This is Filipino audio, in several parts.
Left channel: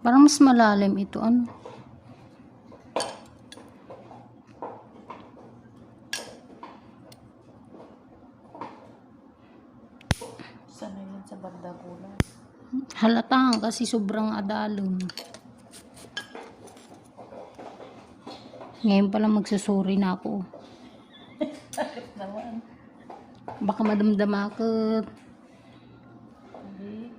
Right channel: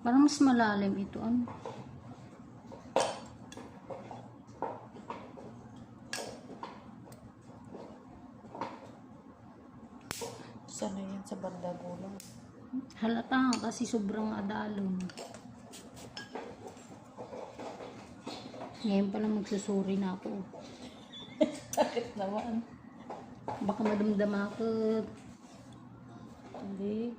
Parang mas malalim ito. Ano? Sana yan sa banda ko. Halata kasi sobrang adalon. Ngayon pala magsusuri na ako. Bakit naman? Baka madamdam ako. Hindi.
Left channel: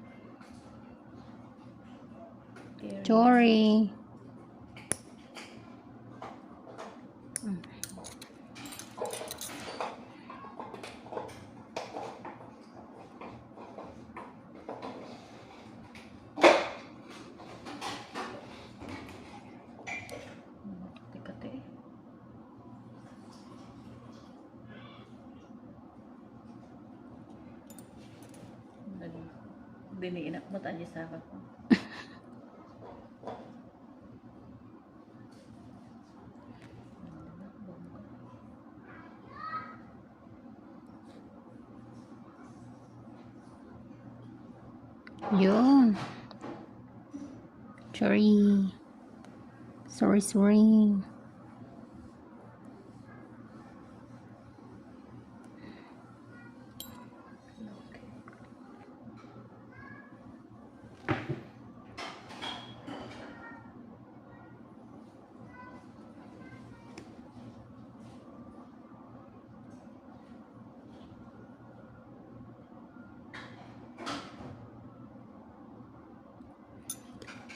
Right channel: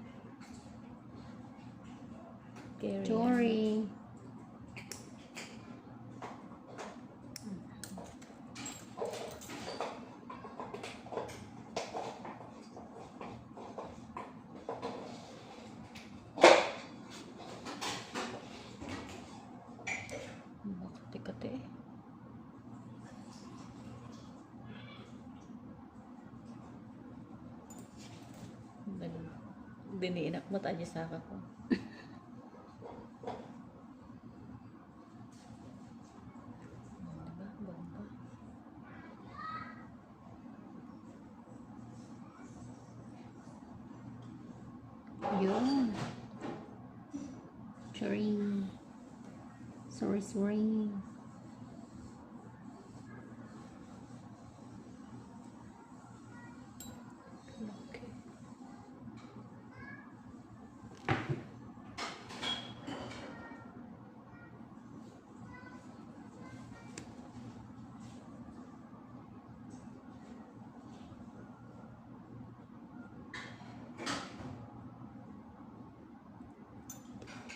Carry. Sorry. Kati-kati. Diniinak mo tayo sa ako. Yun. Sorry. Sorry. Okay.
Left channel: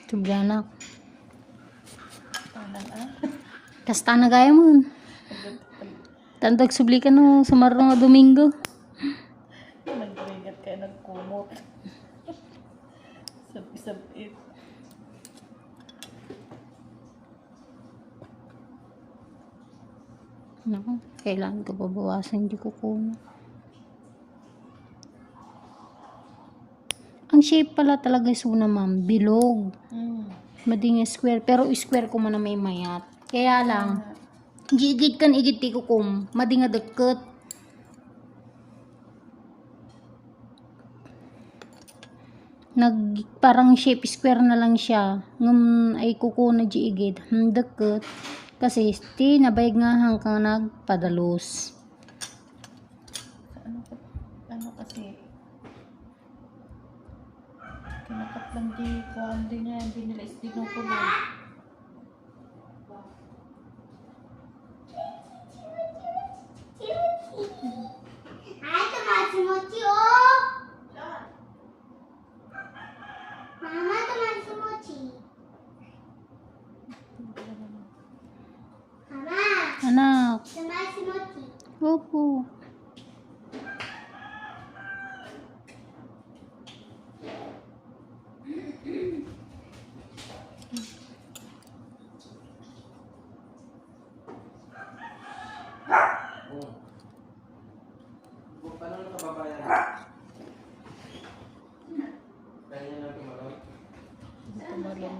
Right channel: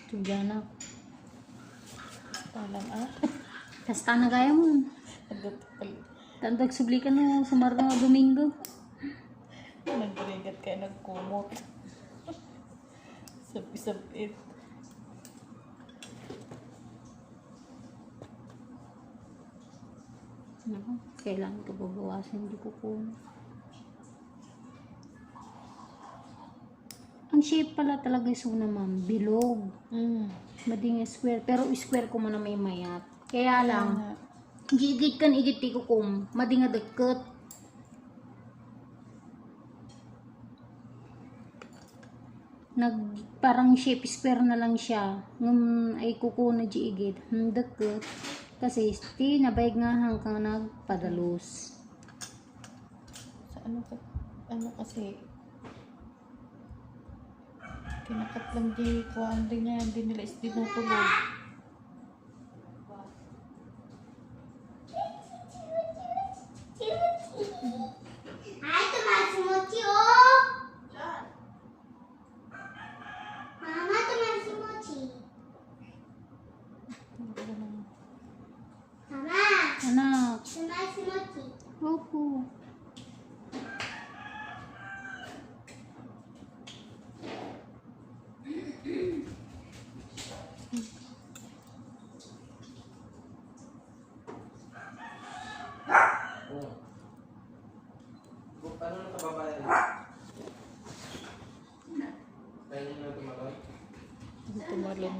Tuganak. Parang Kasta na gaya mo. Tandag subli ka no sa marong nga Domingo. nagrigat kayo nagkumot. Sabi-sabit. Naku, kailangan ko babawasan. Hindi ko kuno. Ang shape pala talaga suna ma'am, bilog. Mading square, pero square ko man na may mayat. Kaya lang, gigit kan igit ti ko kum, mading nga deket. Parang shape square na lang siya. Ngum ay kuko na di igit, deket. Kasi ti nabayag nga hanggang nagpadalos. Sa ano kasi kinakat lang di kuhaan din niya, hindi nila is tinutuloy. Ay, tumasimotsi, oh! Mama, tumasimotsi. Mama, Anak, tumasimotsi. opo. Paano na kababayan? Kaya niya na tumalon? Tumalon niya.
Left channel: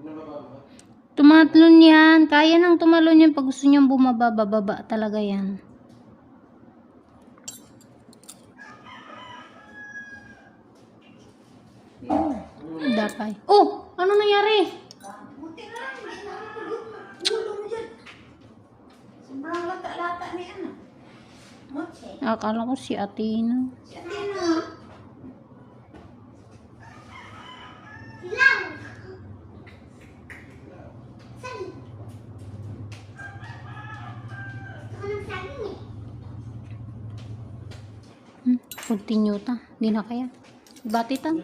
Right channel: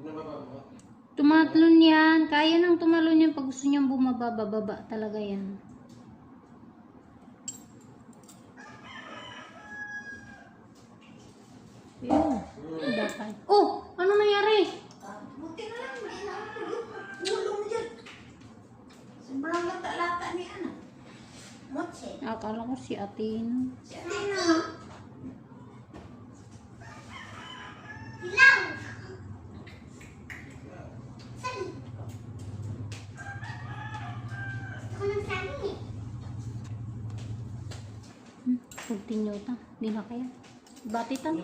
Pinababa mo? Tumatlon yan. Kaya nang tumalon yan pag gusto niyang bumaba, bababa talaga yan. Yan. Dapay. Oh! Ano nangyari? Buti na lang, hindi na ako tugot mo. Ulo mo dyan. Sobrang lata-lata ni ano. Motsi. Akala ko si Athena. Siya na ano. Hilaw. Sali. Gusto ko ng saging eh. Continue ta. Di na kaya. Batitan.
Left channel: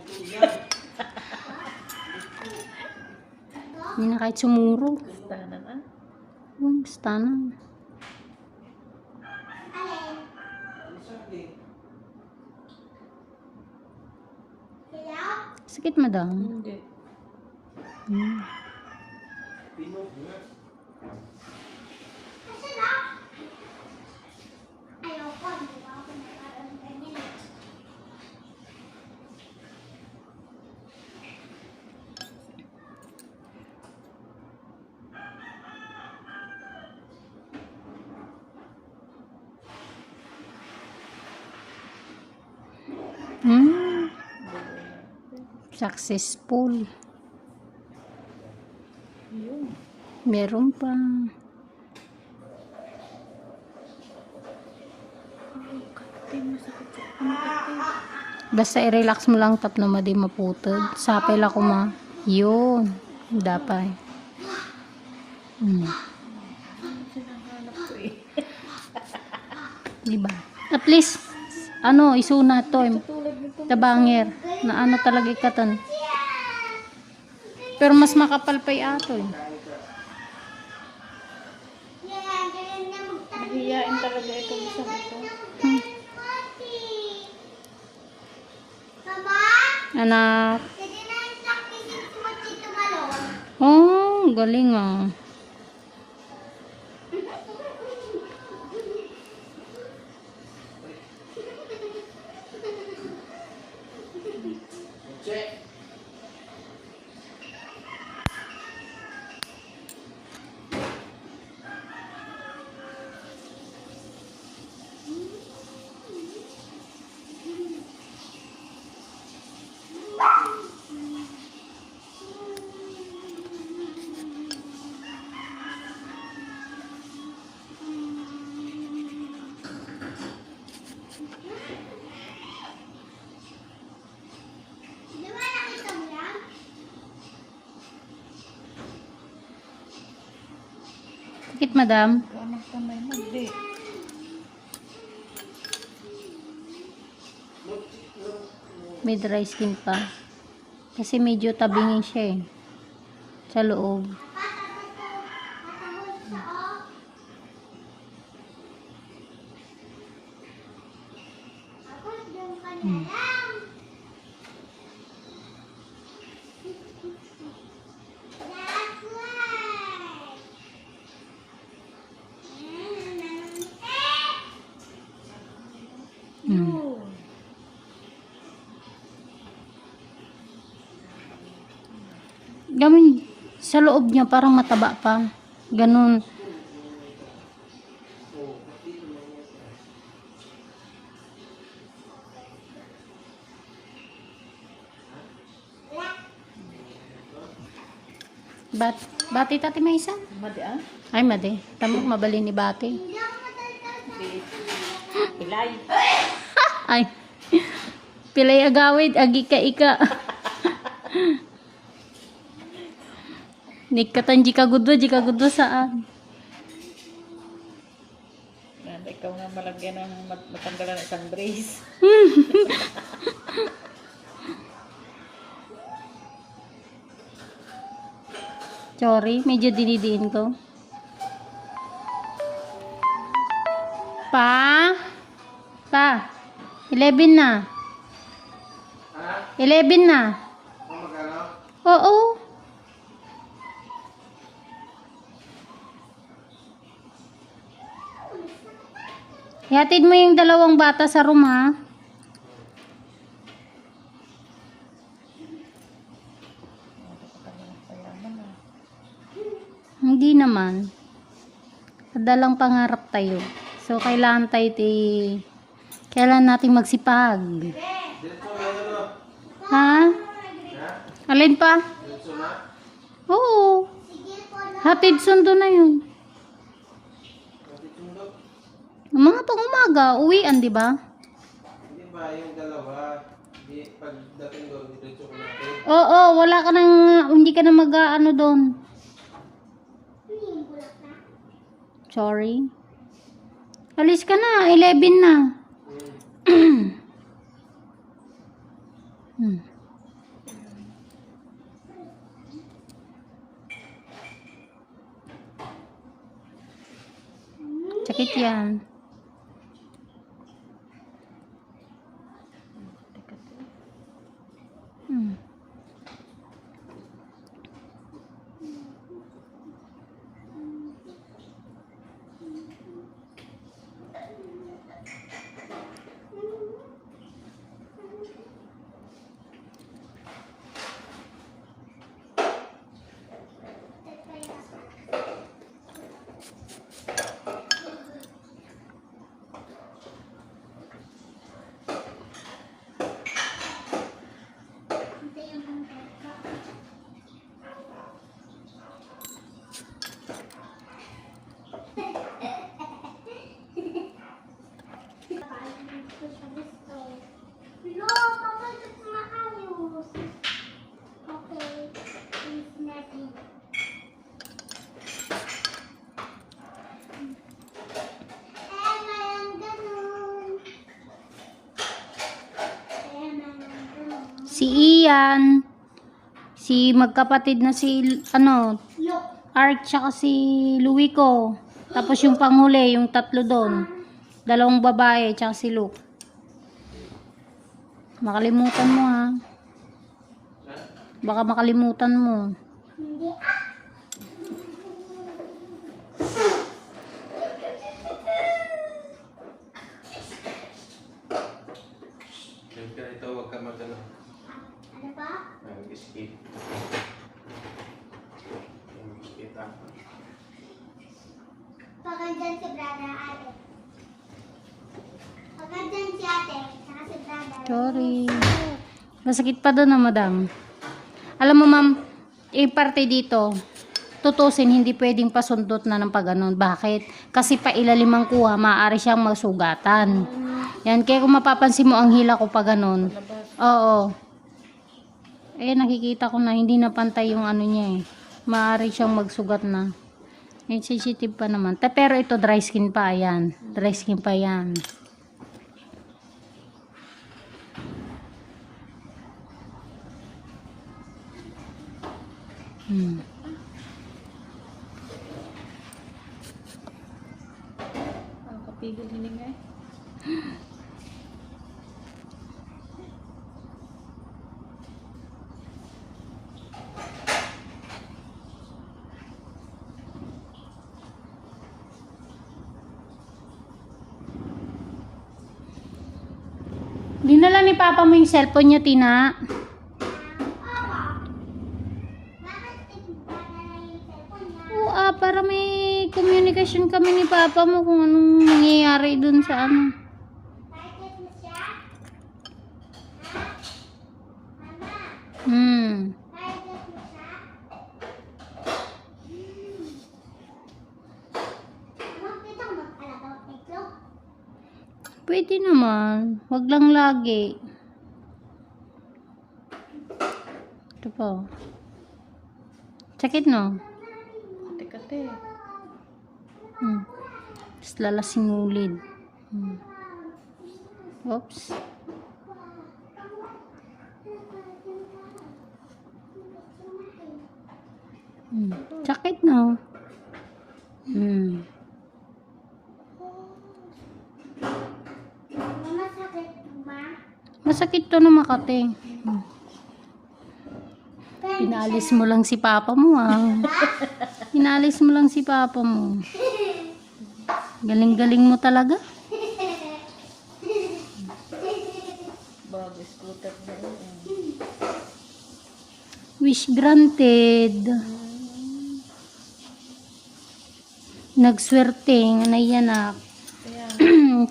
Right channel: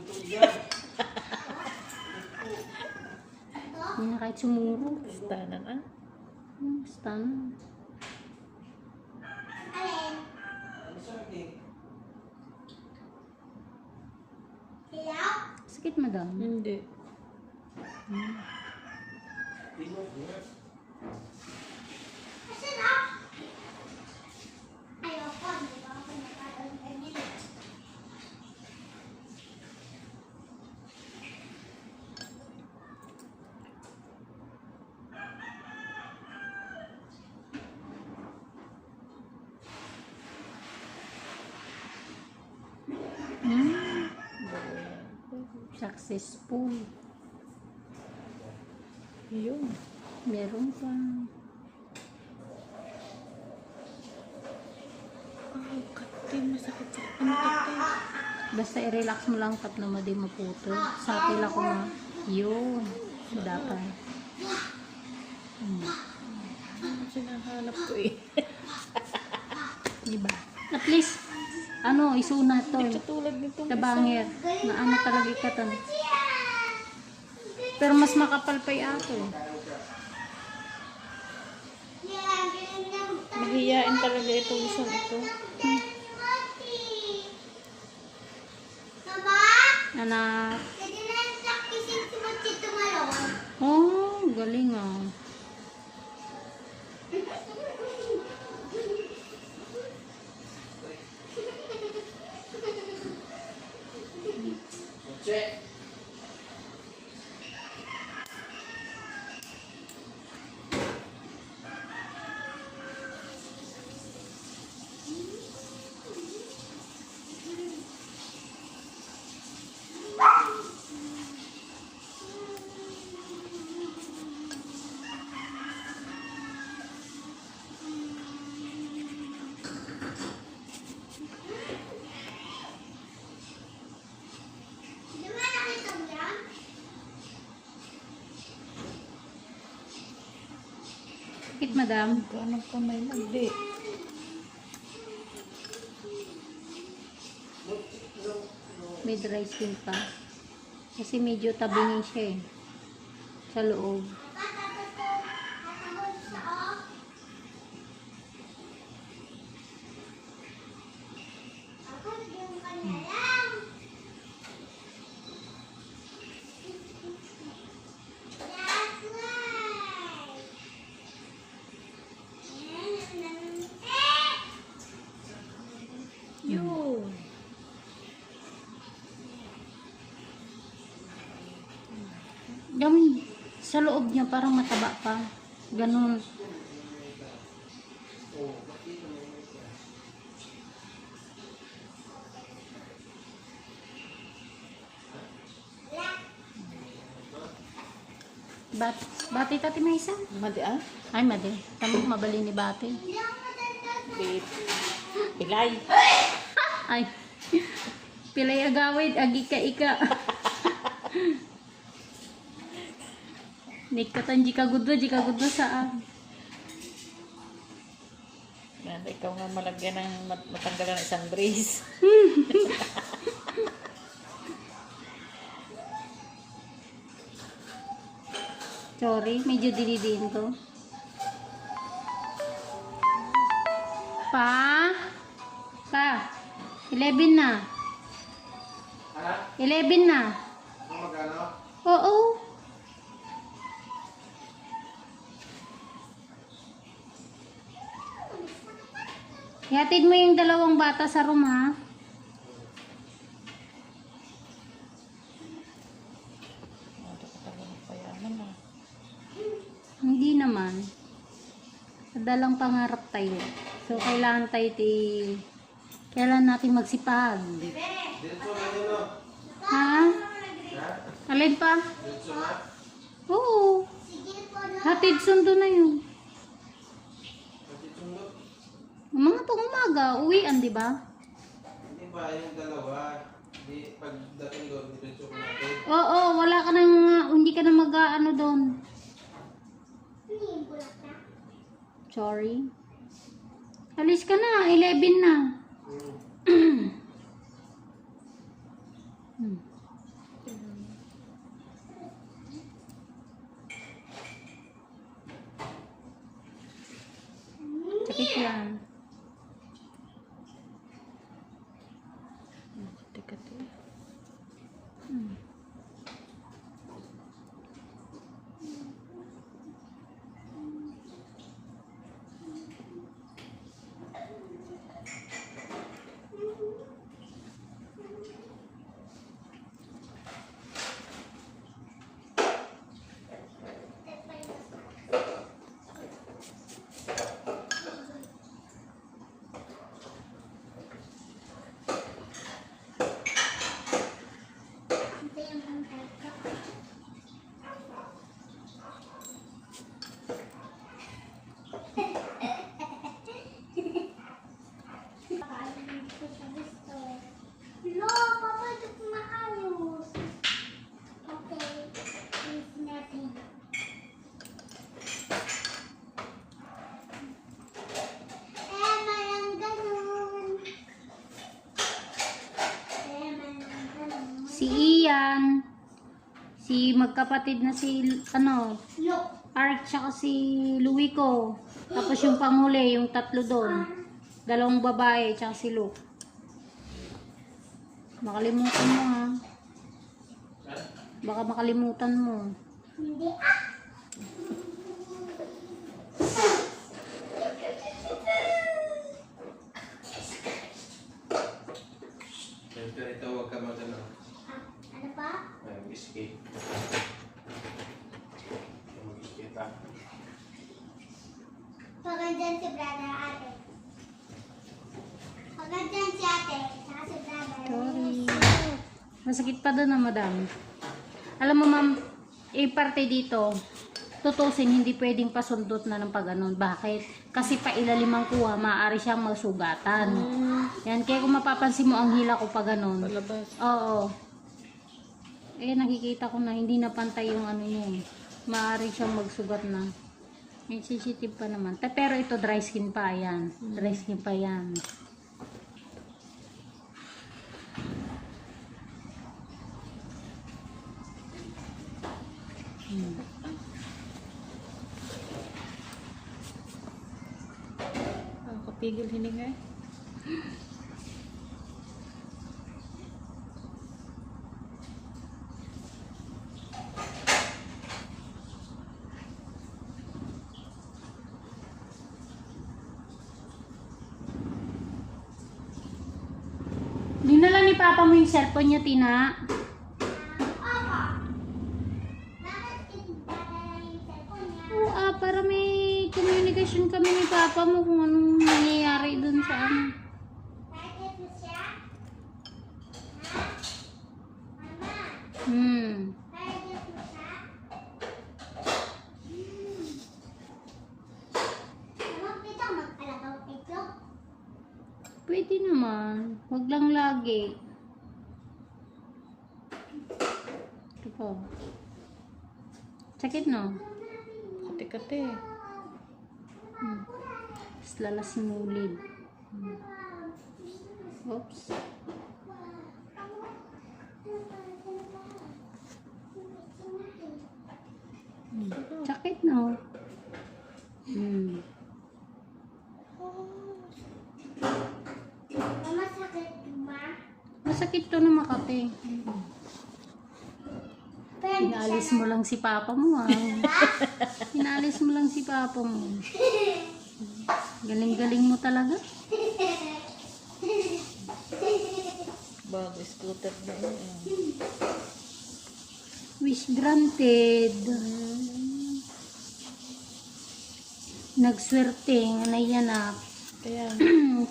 Di na kahit sumuro. Basta naman. Basta na. Alin? Ano sabi? Hilaw? Sakit madam. Hindi. Tingnan mo. Kasi na. Ayoko, hindi ba ako nakaroon ganyan. Successful. Yun. Meron pa. Oh, katin. Masakit sa katin. Basta i-relax mo lang tap na madi maputod. Sapay lang ko ma. Yun. Dapat. Sinahanap ko eh. Diba? At least, ano, isuna to. Tulad nito. Tabanger. Na ano talaga ikatan. Pero mas makapal pa ato eh. Nahihiyain talaga ito. Gusto ito. Anak. Oh, galing ah. Check. Sakit, madam. Ano kamay mo? Hindi. May dry skin pa. Kasi medyo tabingin siya eh. Sa loob. Yun. Gamin, sa loob niya parang mataba pa. Ganun. Bati tati may isa? Madi ah? Ay, madi. Tamo mabali ni bati. Ilay. Ay. Pilay agawid, agi ka ika. Nikatan jika gudwa saan? Yan, ikaw nga malagyan ng matanggalan ng isang brace. Sorry, medyo dinidiin ko. Pa? 11 na. Ha? 11 na. Ang magkano? Oo. Ihatid mo yung dalawang bata sa room ha. Hindi naman. Kadalang pangarap tayo. So, kailangan kailangan natin magsipag. Diretso na yun o. Ha? Ha? Alin pa? Diretso na? Oo. Hatid sundo na yun. Pati sundot. Mga pang umaga, uwian, di ba? Hindi ba yung dalawa? Di, pagdating doon, diretso ko natin. Oo, wala ka nang, hindi ka na mag-ano doon. Sorry. Alis ka na, 11 na. Hmm. Sakit yan. Teka to. Hmm. si Ian, si magkapatid na si, Art, tsaka si Luico. Tapos yung panghuli, yung tatlo doon. 2 babae, tsaka si Luke. Makalimutan mo ha. Baka makalimutan mo. Ito, huwag ka mag-ano. Ano pa? Mag-escape. Mag-escape ah. Pagandyan si brother ate. Pagandyan si ate, saka si brother. Sorry. Masakit pa doon na, madam. Alam mo, ma'am, parte dito, tutusin, hindi pwedeng pasundot na ng pagganon. Bakit? Kasi pa ilalim ang kuha, maaari siyang masugatan. Yan, kaya kung mapapansin mo ang hila ko pa ganon. Oo. Eh, nakikita ko na hindi na pantay yung ano niya eh. Maaari siyang magsugat na. Eh, sensitive pa naman. Pero ito, dry skin pa, yan. Dry skin pa yan. Ang kapigil hininga eh. Dinala ni Papa mo yung cellphone niya, Tina. Oo, para may communication kami ni Papa mo kung anong nangyayari dun sa ano. Pwede naman. Wag lang lagi. Ito po. Sakit, no? Kati-kati. Tapos lalasing ulid. Oops. Sakit, no? Masakit to na Makati. Pinalis mo lang si Papa mo, ah. Pinalis mo lang si Papa mo. Galing-galing mo talaga. Bago scooter na yun. Wish granted. Nagswerte nga naiyanak. Kaya,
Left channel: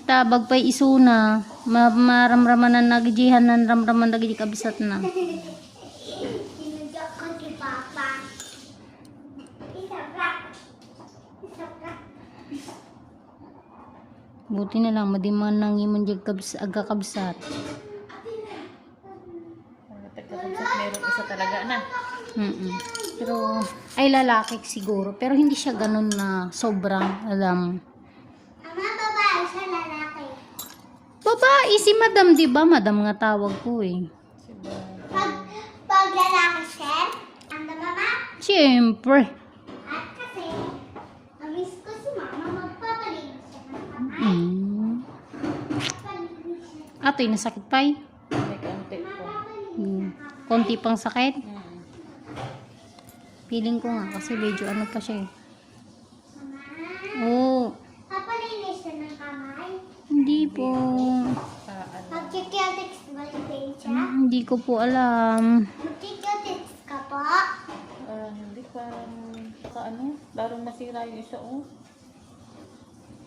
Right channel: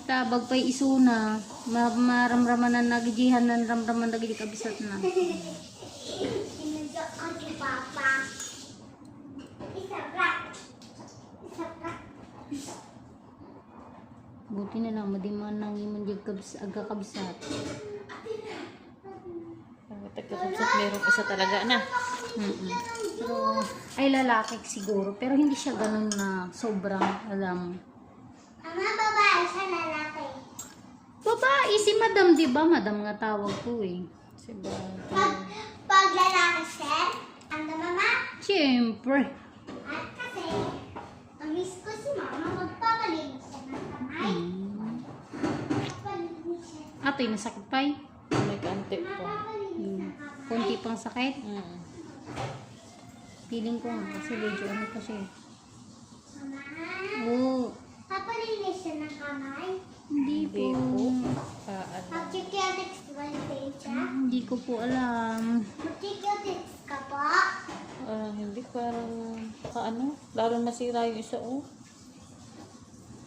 Tabag pa'y isuna. Maramraman na nagijihan na ramraman na kabisat na. Sinunod ko si Papa. Buti na lang, madiman nang imong agkakabsat. tagkakabsat merong isa talaga na. Pero, ay lalaki siguro. Pero hindi siya ganun na sobrang alam. Ama, babae siya lalaki. Babae, si madam, di ba? Madam nga tawag ko eh. Si Bon. Pag lalaki siya, ang mama, Siyempre. at kasi, amis ko si mama, magpapalinis siya ng kamay. Magpapalinis siya. Ato'y nasakit pa eh. May kantik po. Magpapalinis ng kamay. Konti pang sakit. Mm. Feeling ko nga kasi medyo ano pa siya eh. Mama, Oo. papalinis siya ng kamay. Hindi po. Ano. Mag-check-text ba yung page siya? Hindi ko po alam. Mag-check-text ka po? Hindi parang ano, lalo nasira yung isa oh.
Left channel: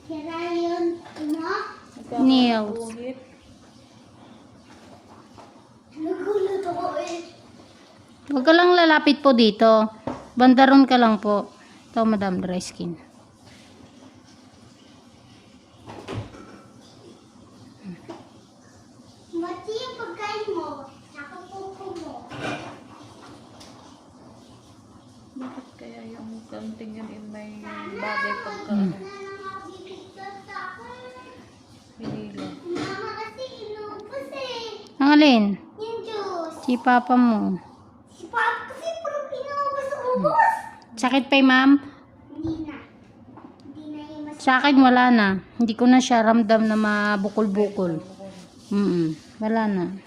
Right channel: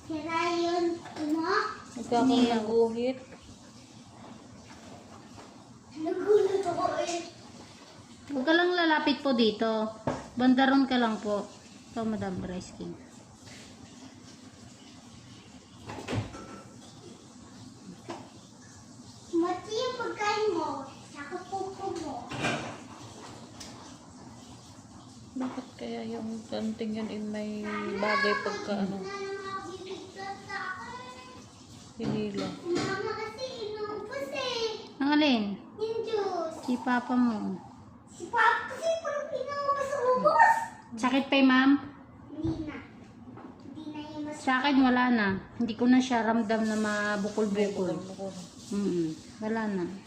Sira yun, ano? Nagkakaroon Nails. ng guhit. Nagulat ako eh. Huwag ka lang lalapit po dito. Bandaron ka lang po. Ito, madam, dry skin. Mati yung pagkain mo. Saka pupo mo. Bakit kaya yung kanting yun may bagay pagka ano, Bibigyan sa akin. hinila? Mama kasi inubos eh. Ang alin? Yung juice. Si papa mo. Si Papa kasi parang pinaugas ang ubos. Sakit pa ma'am? Hindi na. Hindi na yung mas... Sa akin wala na. Hindi ko na siya ramdam na mabukol-bukol. Wala na.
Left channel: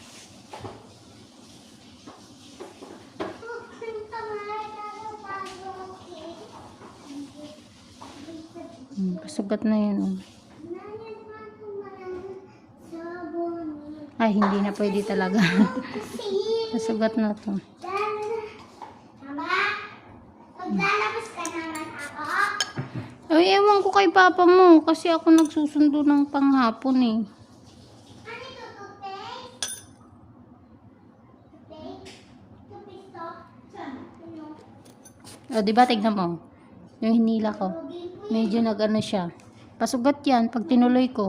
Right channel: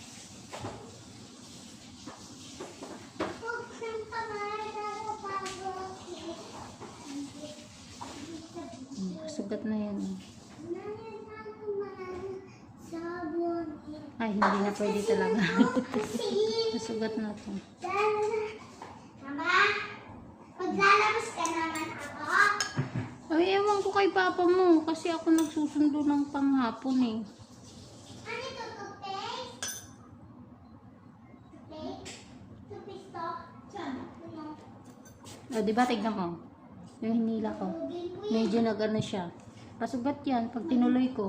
Sugat na yun. Oh. Ay, hindi na pwede talaga. Nasugat na to. Mama, maglalabas ka naman ako? Ay, ewan ko kay papa mo. Kasi ako nagsusundo ng panghapon eh. Ano ito, toothpaste? Toothpaste? Toothpaste to? Saan? Ano? O, diba, tignan mo. Yung hinila ko. Medyo nag-ano siya. Pasugat yan pag tinuloy ko.